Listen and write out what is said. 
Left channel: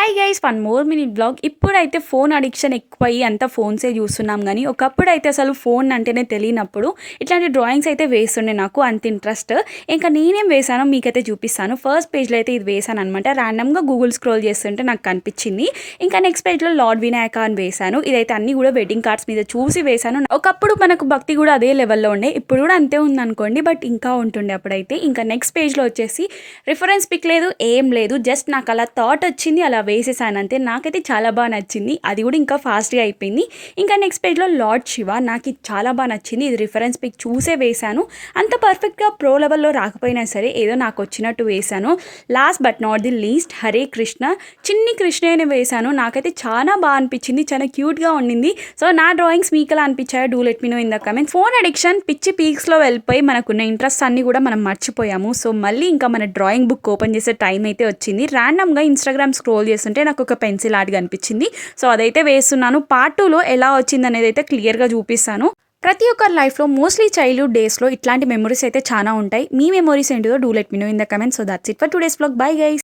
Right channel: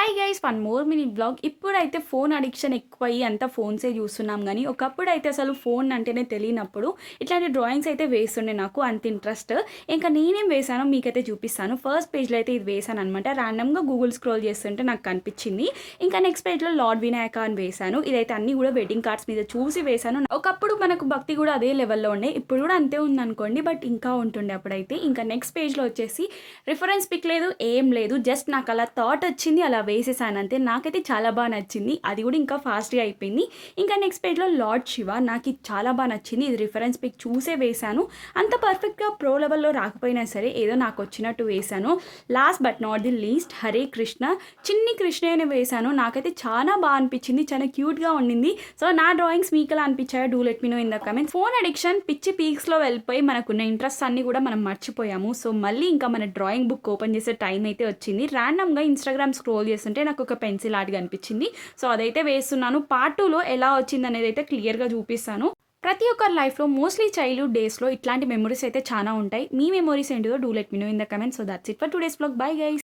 Hi guys, one more minute blog. ఇప్పుడైతే phone addiction ఎక్కువయ్యి అంతా ఫోన్సే చూస్తున్నాం. కానీ ఒకప్పుడు అయితే అసలు ఫోన్ అంటేనే తెలియనప్పుడు ఇట్లాంటి డ్రాయింగ్స్ అయితే వేస్తుండే. నాకు అంత ఇంట్రెస్ట్. ఇంకా నేనేం వేసానో మీకైతే చూపిస్తాను. ఫస్ట్ పేజ్లో అయితే ఇది వేసాను అనమాట. ర్యాండమ్గా గూగుల్ స్క్రోల్ చేస్తుంటే నాకు కనిపించింది. ఇంకా నెక్స్ట్ పేజ్లో లార్డ్ వినాయక అని వేసాను. ఇదైతే అన్ని కూడా వెడ్డింగ్ కార్డ్స్ మీద చూసి వేసాను. ఒకప్పుడు మనకు భక్తి కూడా అదే లెవెల్లో ఉండే, ఇప్పుడు కూడా అంతే ఉందనుకోండి, బట్ ఇంకా ఉంటుండే అప్పుడైతే. ఇంకా నెక్స్ట్ పేజ్లో వచ్చేసి రిఫరెన్స్ పిక్ లేదు, ఏం లేదు, జస్ట్ నాకు అలా థాట్ వచ్చింది, అలా వేసేసాను అంతే. నాకైతే చాలా బాగా నచ్చింది. అది కూడా ఇంకా ఫాస్ట్గా అయిపోయింది. ఇంకా నెక్స్ట్ పేజ్లో లార్డ్ శివ, నాకు ఇది చాలా బాగా నచ్చింది. ఇది రిఫరెన్స్ పిక్ చూసే వేశాను. అంత పర్ఫెక్ట్గా ప్రో లెవెల్లో రాకపోయినా సరే ఏదో నాకు వచ్చినట్టు వేశాను. Last but not the least Hare Krishna, చిన్ని కృష్ణనే వేశాను. నాకైతే చాలా బాగా అనిపించింది, చాలా క్యూట్గా ఉండింది. సో నా డ్రాయింగ్స్ మీకు ఎలా అనిపించాయో do let me know in the comments. Phone addiction పిచ్చి పీక్స్లో వెళ్ళిపోయి మనకున్న ఇంట్రెస్ట్ అన్ని కూడా మనం మర్చిపోయాము. సో మళ్ళీ ఇంకా మన డ్రాయింగ్ బుక్ ఓపెన్ చేసే టైం అయితే వచ్చింది. ర్యాండమ్గా ఇన్స్టాగ్రామ్ స్క్రోల్ చేస్తుంటే నాకు ఒక పెన్సిల్ ఆర్ట్ కనిపించింది. సో అదైతే వేస్తున్నాను. పార్ట్ 2లో ఎలా వచ్చింది అనేది అయితే క్లియర్గా చూపిస్తాను. ప్రతి ఒక్కరి లైఫ్లో మోస్ట్లీ చైల్డ్హుడ్ డేస్లో ఇట్లాంటి మెమరీస్ అయితే చాలా ఉంటాయి. మీ మెమరీస్ ఏంటిదో do let me know in the comments. So that's it for today's vlog. Bye guys.